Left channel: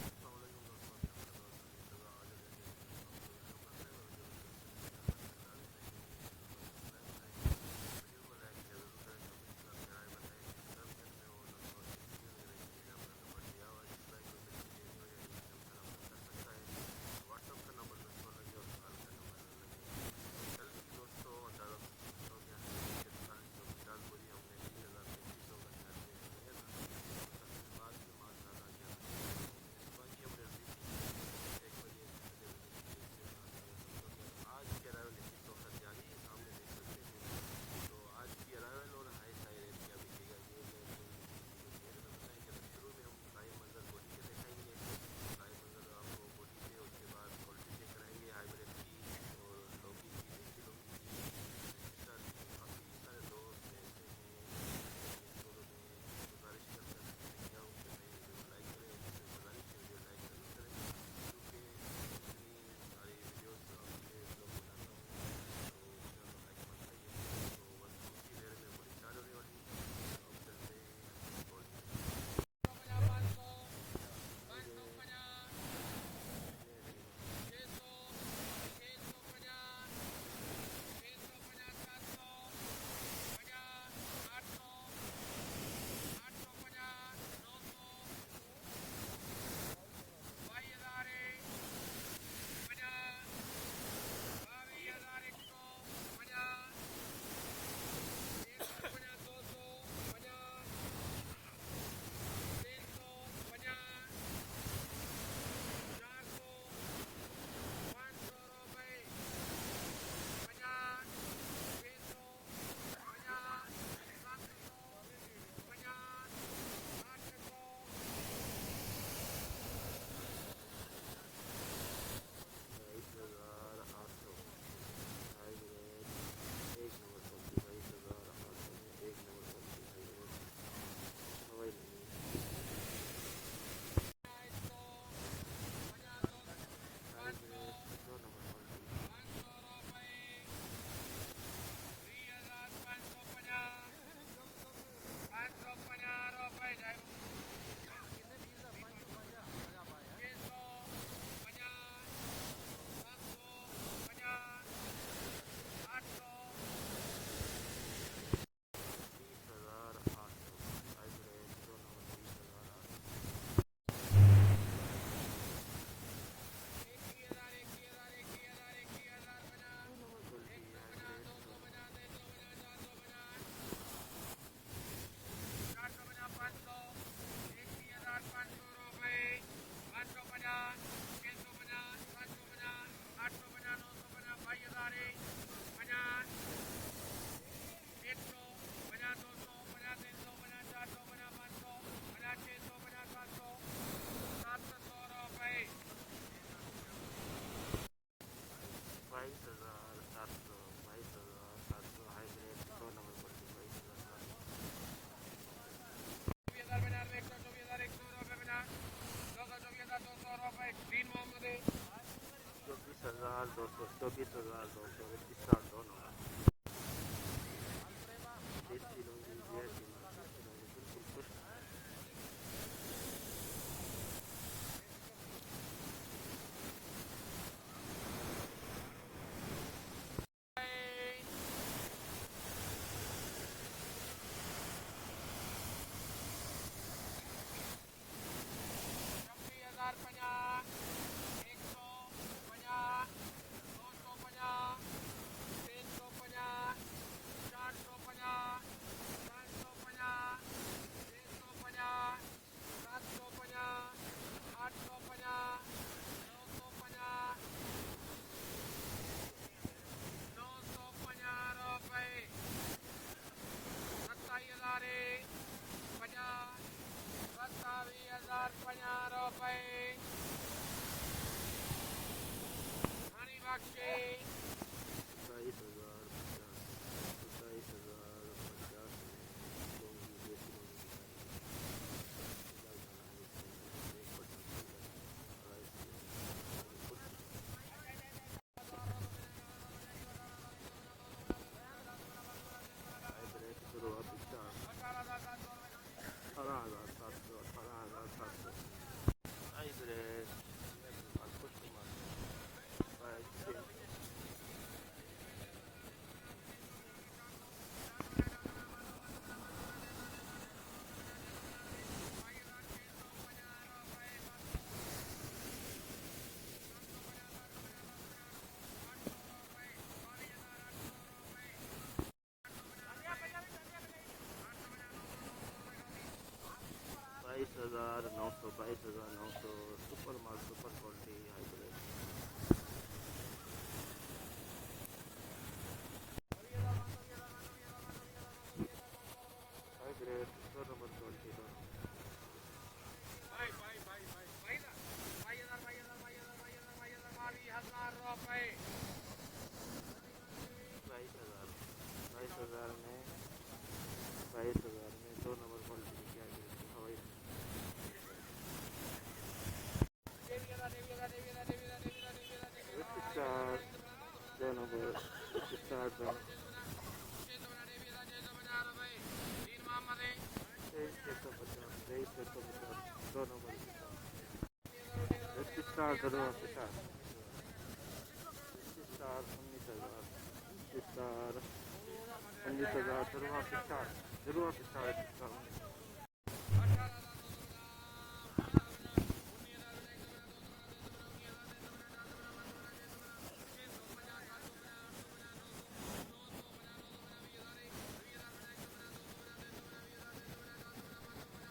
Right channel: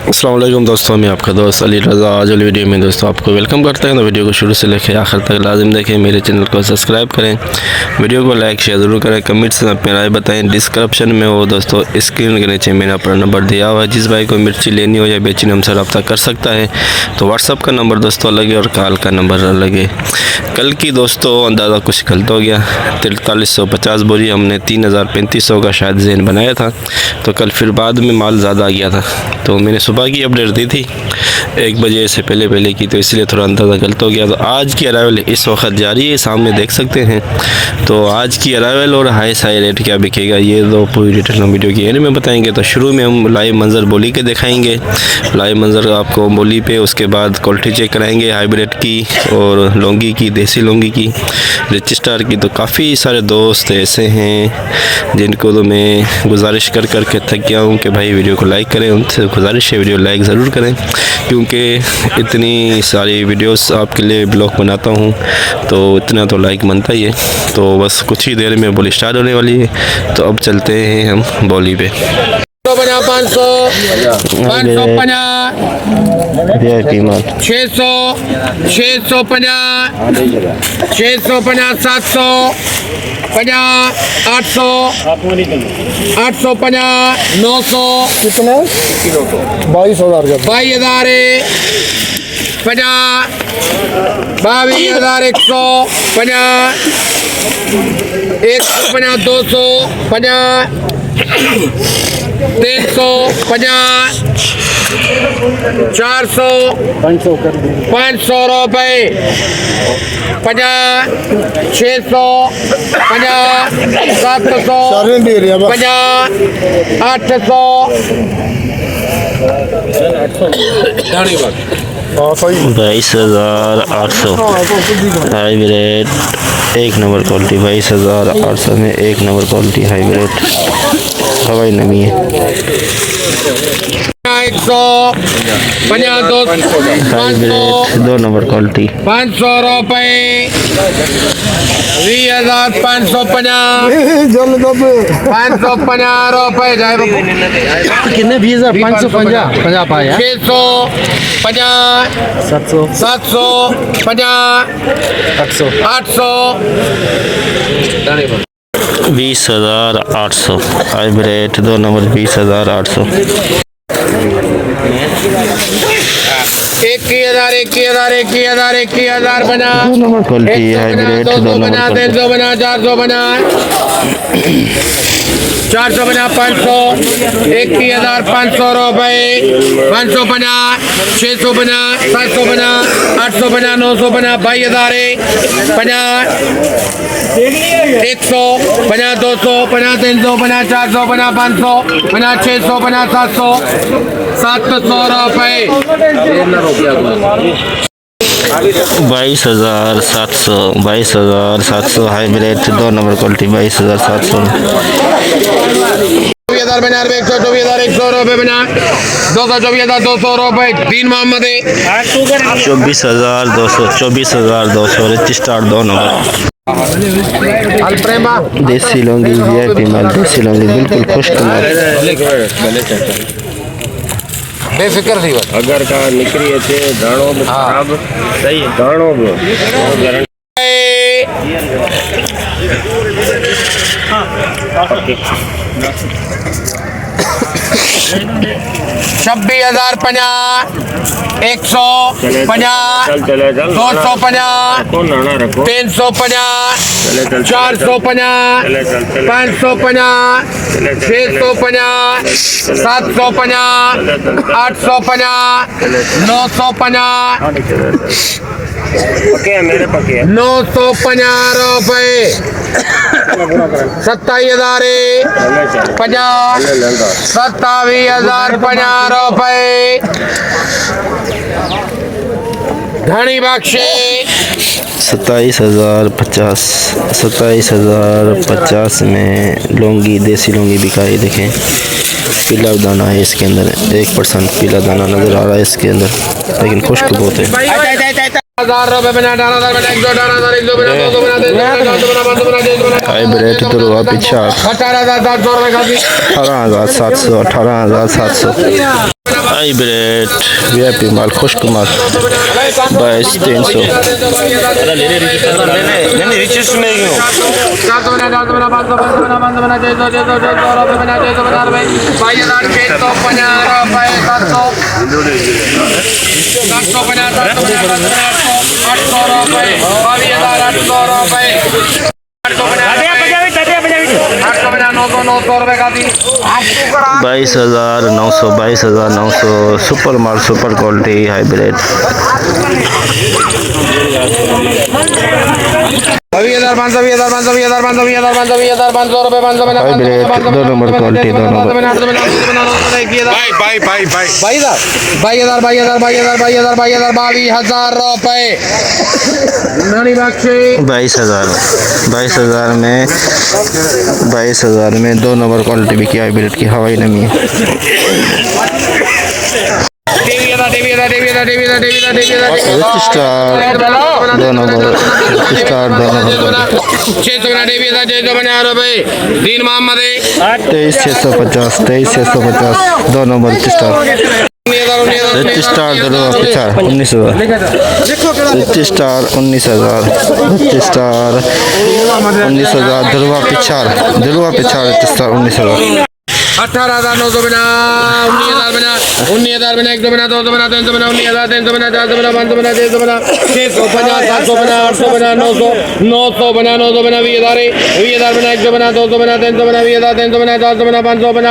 अस्सलाम वालेकुम दोस्तों, मैं आपका दोस्त अली रज़ा। आज वाली वीडियो में दोस्तों आपको वेलकम करते हैं। तो वीडियो को शुरू से लेकर आखिर तक लाजिम देखें। मेरे चैनल को सब्सक्राइब करें, वीडियो को लाइक शेयर ज़रूर करें, कमेंट्स में अपनी राय बताएं। डिस्क्रिप्शन में वो दोस्तों स्क्रीन के नीचे मेरा अपना नंबर दिया हुआ है। जिस भाई को मिर्ची लेनी हो या बेचनी हमसे रब्ता कर सकता है। तो व्हाट्सअप का नंबर दोस्तों अलग है और कॉल का नंबर अलग है। कल की दोस्तों अंदाज़ा कुछ गलत हो गया। 4350 बोरी हमने 3500 का शायद ज़हन बनाया था। तो कल फिर बाद में माल ज़्यादा आ गया था, तो मैंने सुबह की अपडेट दी थी 1 बजे से पहले की, तो इसलिए थोड़ा अंदाज़ा गलत हो गया। तो आज की अराइवल इस वक्त जारी है, सामने देख सकते हैं। तो आज की अराइवल और हाई रेट क्या बिकेगा ये तो पूरी डिटेल हम वीडियो की एंड में बताएंगे। तो शुरू में हम लाइव मंजर बोली के दिखाएंगे, लाइव मंजर आपको बोली पे, उसके बाद क्वालिटी चेक कराएंगे हाइब्रिड की और लौंगी की, देसी लौंगी की, रिच स्टार की। तो काफ़ी सारे दोस्त ऐसे हैं जिनको तो मैं गुजारिश कर के थक गया हूँ कि भाई वीडियो को लाइक करें। उनसे गुजारिश है वीडियो लाइक ज़रूर करें, क्योंकि इतनी सारी वीडियोस आपके लिए ब्लॉग बनाता हूँ तो इतना तो लाइक बनता ही है। तो बस कुछ ही देर में बोली स्टार्ट होने वाली है, तो अब चलते हैं हम बोली पे। 500 550 600 650 650 700 50 800 850 900 कितने 22,000 का 22,000 50 22,150 50 150 200 50 350 400 500 रुपए 50 600 50 700 50 800 22,800 हाइब्रिड एक नंबर क्वालिटी। 22,800 में एक नंबर क्वालिटी हाइब्रिड हवाई नमी है। 150 हाइब्रिड 2 नंबर क्वालिटी 500 रुपए 20,550 550 रुपए कितने 20,550 50 पाया 600 50 700 50 800 20,800 हाइब्रिड 2 नंबर 20,800 21,000 बना क्वालिटी हाइब्रिड 2 बना नंबर 300 बना 400 बना 400 बना 500 21,500 रुपए 550 600 बना 700 बना 800 बना 900 बना 22,000 50 100 बना 200 बना 300 बना 400 बना 500 बना 600 बना 700 700 रुपए 22,700 हाइब्रिड 2 नंबर क्वालिटी 22,700 बना 124,100 रुपए बना 224,200 रुपए 3 मोहम्मद 24,200 रिच स्टार 2 नंबर देसी लौंगी VIP माल, देसी लौंगी बिल्कुल खुश्क माल। बेफिक्र थी अगर का निकली थे दाणो में खराब सही दाणो में 26,050 150 250 350 450 550 650 750 850 950 950 रुपए 27,000 50 27,050 रुपए धनी बख्शे 27,050 में लौंगी, देसी लौंगी बिकाई। देखें पीला दाना है इसके अंदर, 1% पीला दाना नज़र आ रहा है इसके अंदर, लेकिन खुश्क बहुत है। 1000 रुपए बना 18,000 बना 118,000 100 बना 200 बना 300 बना 500 बना 600 बना हाइब्रिड तो रुआ पीछा 18,700 रुपए का 18,700 18,700 हाइब्रिड VIP माल खुश्क माल 22,300 रिचेस्ट में क्यों 400 बना 500 बना 500 बना 600 रुपये बना 650 रुपये 22,650 800 रुपये 22,800 रुपये 900 रुपये का दी 22,900 सुपर माल सुपर क्वालिटी हाइब्रिड 20,500 रुपये 500 बना हाइब्रिड 2 नंबर क्वालिटी 2 नंबर 22,000 रुपये नानी बख्शी 22,000 में 2 नंबर क्वालिटी भी की हाइब्रिड की हवाई नमी है स्टार 2 नंबर 650 रुपये Deen Mohammad 23,650 2 number star 19,000 star 19,000 धुलवा पिछाड़ स्टार 19,000 18,900 बना 19,000 बना 100 बना 200 बना 300 बना 19,300 बना 400 बना 500 बना 600 बना 650 700 बना 800 बना 900 बना 900 बना 20,000 बना 100 बना 200 बना 300 बना 20,300 बना 400 बना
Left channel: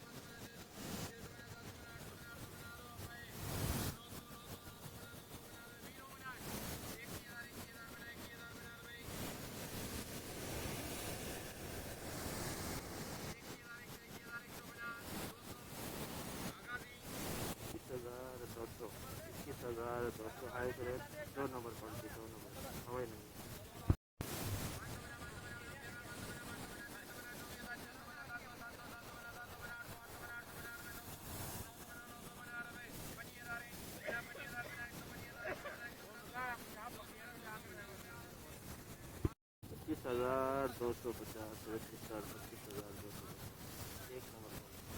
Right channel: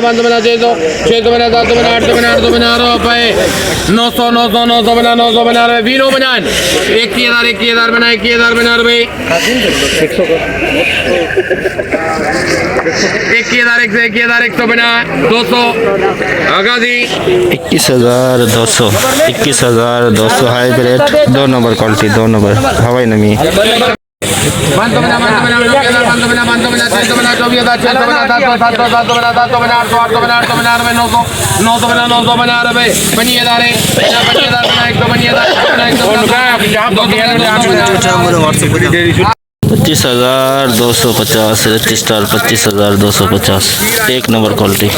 500 बना 600 बना 700 बना 800 बना 800 बना रुपये 900 बना 900 बना रुपये वीनो बना 21,000 बना 21,000 बना रुपये 21,100 बना 200 आगाजी 21,200 हाइब्रिड 2 नंबर क्वालिटी 2 नंबर हवाई नमी 500 बना 500 बना 600 बना 24,000 600 बना 700 बना 800 बना 900 बना 900 बना रुपये 25,000 25,250 register 25,250 1 number quality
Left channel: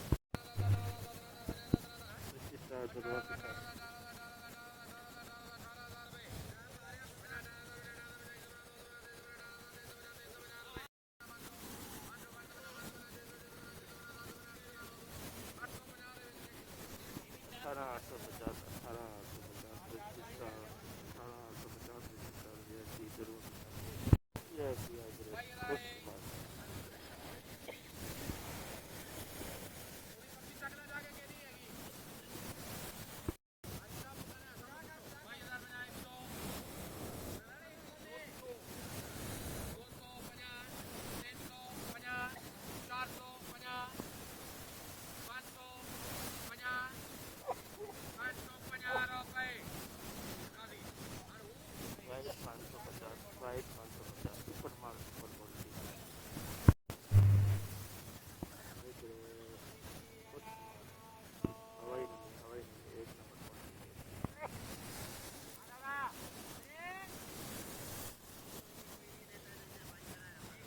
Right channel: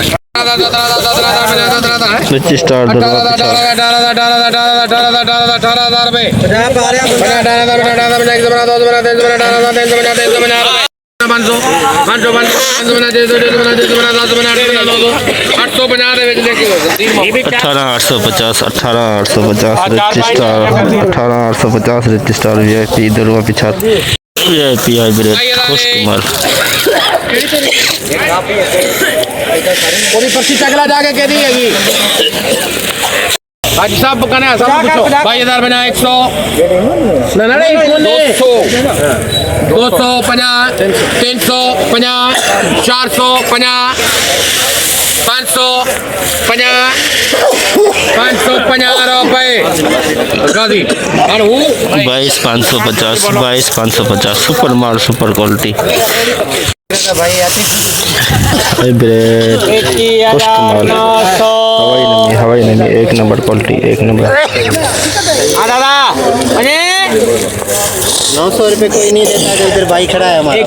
register 18,850 register VIP Durga पिछाड़ VIP हाइब्रिड खुश्क माल पूरी पर्ची चकला जाके कह दी है आज सब कहना सब पूछो 22,000 बना 100 नहीं 250 350 450 550 रुपये गाजी और वो 22,550 सुपर माल सुपर क्वालिटी हाइब्रिड खुश्क माल हवाई नमी 1 नंबर क्वालिटी 1 नंबर 900 रुपये कोई नहीं देता जो उधर भाई खड़ा है हमारा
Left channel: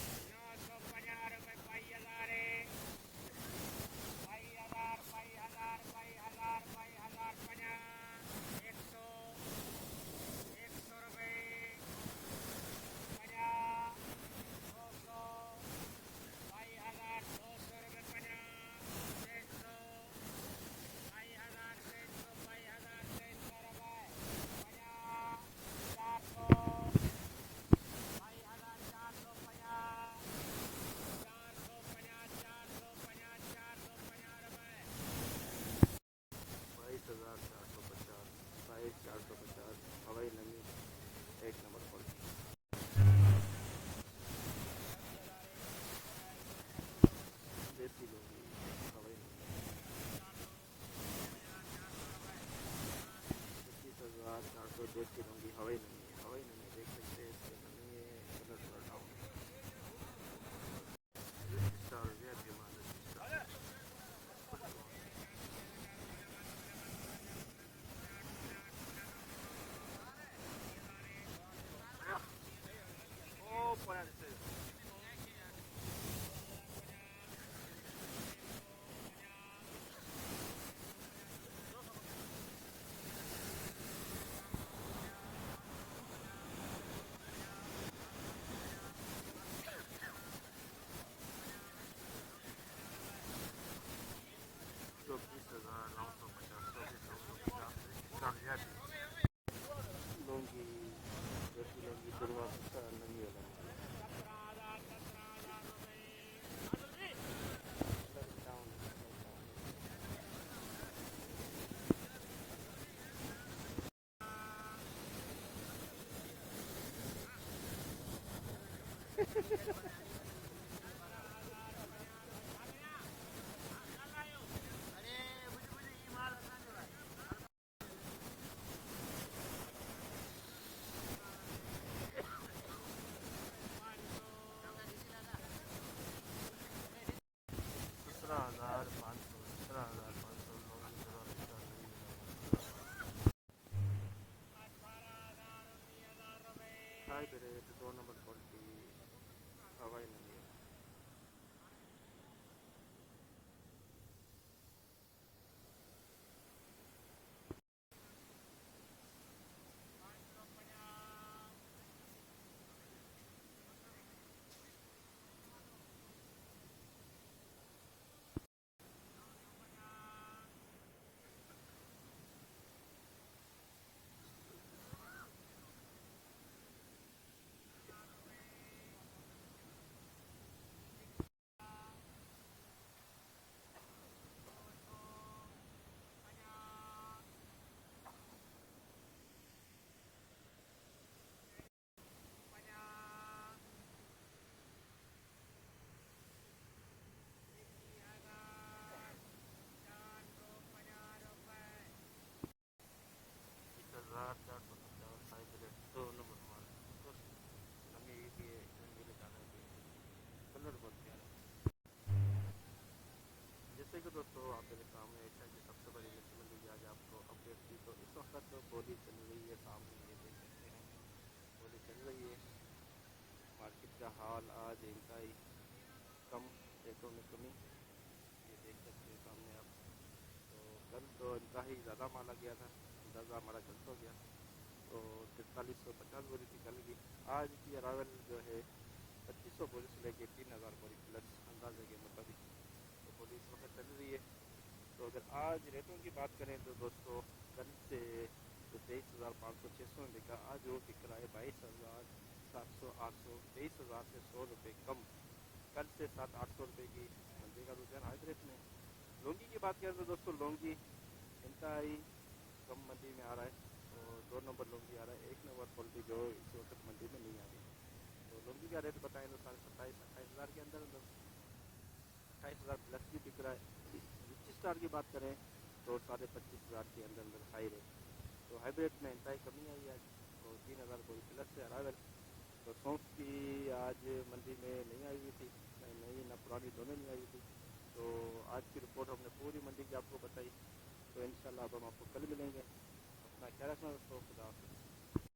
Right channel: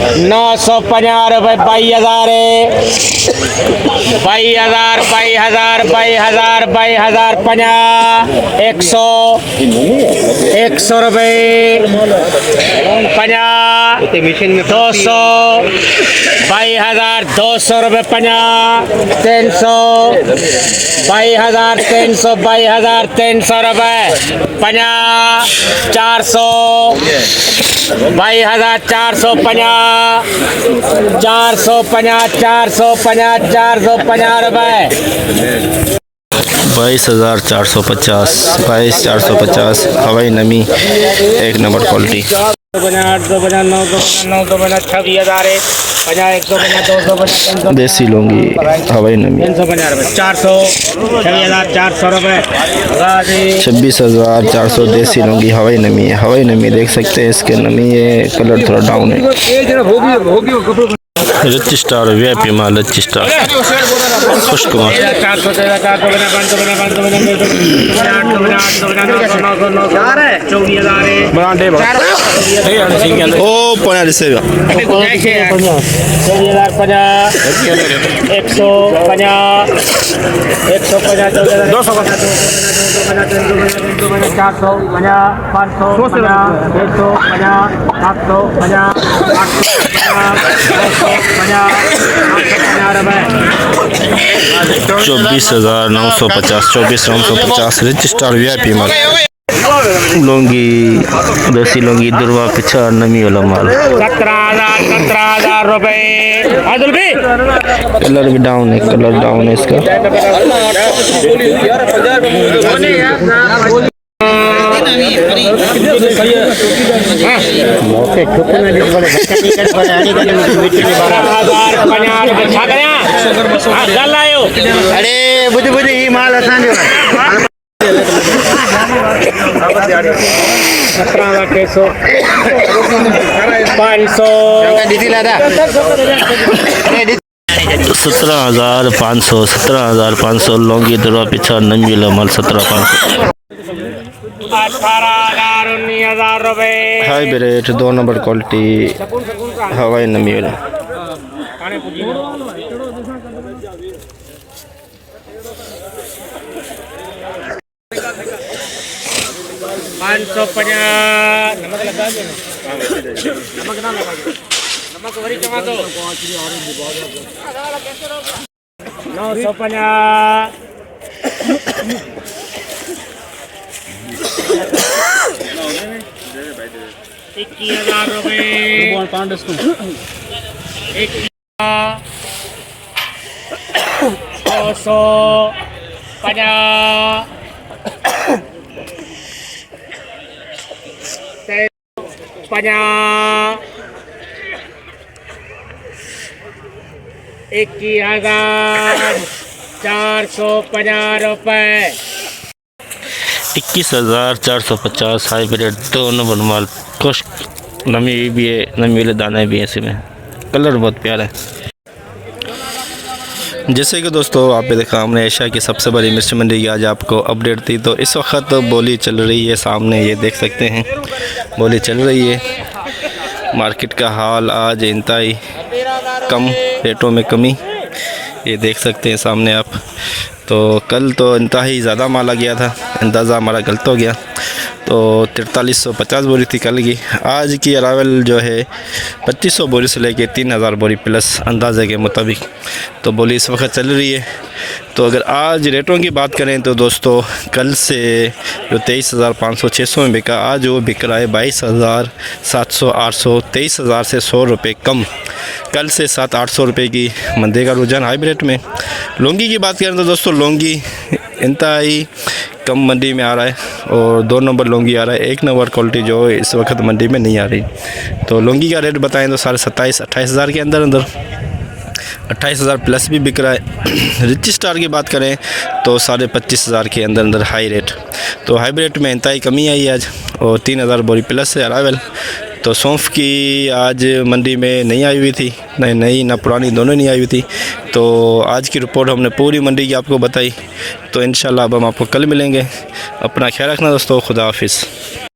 950 रुपये 22,000 100 रुपये 50 200 22,200 रुपये 50 300 22,300 रुपये 50 400 22,450 रुपये 22,450 हवाई नमी 1 नंबर क्वालिटी 26,000 देसी लूंगी हवाई नमी 400 रुपये 26,400 देसी लूंगी हवाई नमी देख सकते हैं इसके नमी ये कलर थोड़ा डाउन है रिच स्टार VIP माल रिच स्टार खुश्क माल 400 500 ओ पौना रिसे 24,950 रिच स्टार VIP माल लुंगी देसी लुंगी दुर्वा पिछा नमी वाला माल 17,000 रुपए आदिल भी कलर भी डाउन है इसका अरे बुधी बुधी ही माल असांजो 17,500 लौंगी दुर्वा पिछा नमी वाला माल 17,500 18,000 19,000 रुपए हाई रेट 2 नंबर क्वालिटी हवाई नमी वाला 550 नमक लगा दो नमक ना लगा नमक वरी चमा दो 950 21,000 रुपए 21,450 रुपए 21,450 हाइब्रिड 2 नंबर माल खुश्क नमी भी है नमी वाले दाने भी हैं इसमें कलर बहुत प्यारा है। जैसे कि दोस्तों आप भी देखा हमने एशिया की सबसे बड़ी मिर्च मंडी की आज आपको अपडेट दी। तो इस वक्त बोली चल रही है सामने ये देख सकते हैं बोली चल रही है। मार्केट का हाल आज इंतहाई कम रेटों में कमी ये देख सकते हैं सामने आप। तो कल तो इंतहाई ज़्यादा माल आ गया था अंदाज़ा हमारा गलत हो गया तो 4350 बोरी थी कल की। आज की अरावल जो है 2500 बोरी से लेके 3000 बोरी प्लस अंदाज़े के मुताबिक तो बोली इस वक्त चल रही है। तो अगर आज रेटों की बात करें तो दोस्तों कल से जो 23,500-600 में बिका आज वो बिक रहा है 22,700-800 23,000 से 100 रुपये कम। कल से 700-800 रुपये की मंदी का रुझान हाइब्रिड में। लौंगी की बात करें तो दोस्तों लौंगी इंतहाई कम मंडी में आ रहा है और 2 नंबर लौंगी आ रहा है। 1 नंबर क्वालिटी जो इस वक्त मंडी में नहीं आ रही। तो लौंगी का रेट बताएं तो 27,000-28,000 के अंदर 28,000 प्लस भी बिक रहा है। रिच स्टार की बात करें तो 25,500 के अंदर हाई रेट। तो हाइब्रिड में इंतहाई कमी आई आज और 3,000 बोरी प्लस है अरावल। तो सौंफ की आज मंडी में नहीं आई हुई थी नई ना पुरानी दोनों नहीं आई हुई थी। तो आज की रिपोर्ट हमने पूरी मंडी की आपको बताई। तो इंशाल्लाह अब हम आपको कल मिलेंगे। अपना ख्याल रखना दोस्तों। खुदा हाफिज़।